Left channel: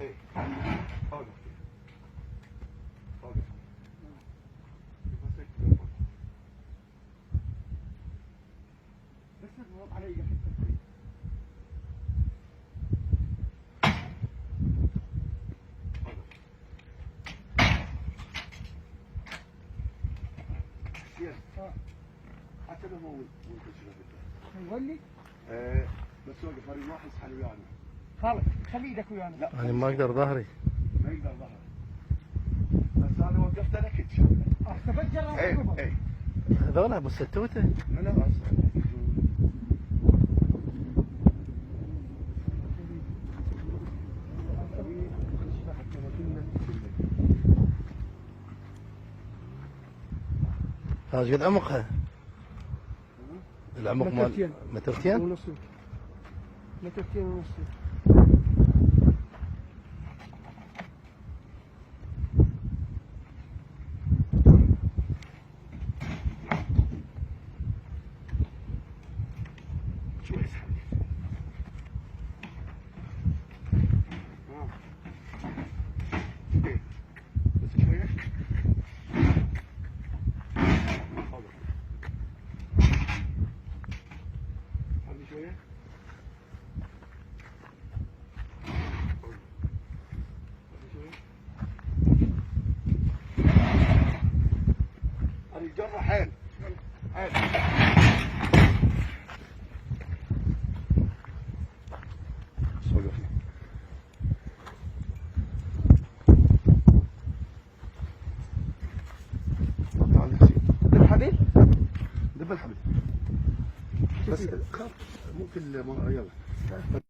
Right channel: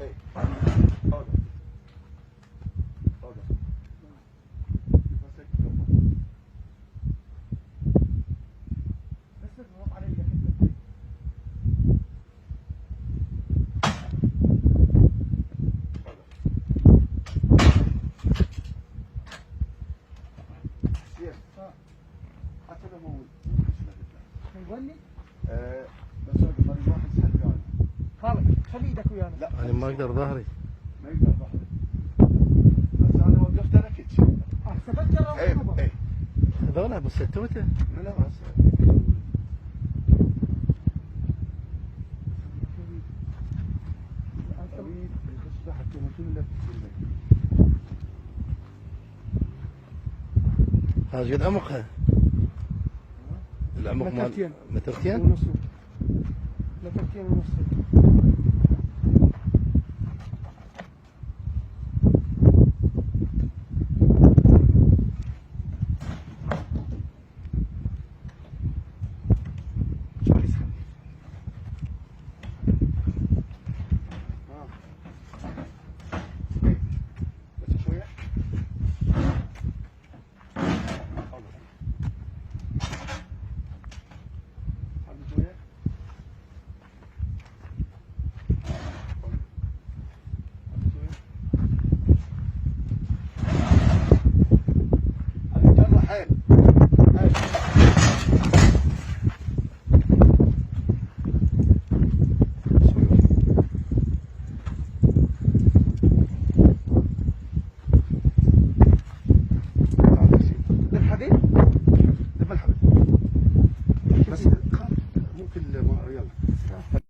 ايه اوقف اوقف بس اضغط علي حتى لو مو نغني بس واقف مريض واحد يسحب ويانا. خالد خلي ايدك ويانا. لا يعني ما اقدر ظهري. ما يقدر ظهري. بس انا وقفت انا كتش. احسبت جرى ايه وحبوبه. ايه هذول ابو ستوته. لا اصلا. هذا قد عمقها. العمق مال مترتين ونص. مترتين ونص. حيل بالحبل؟ بالحبل بس ممكن يلا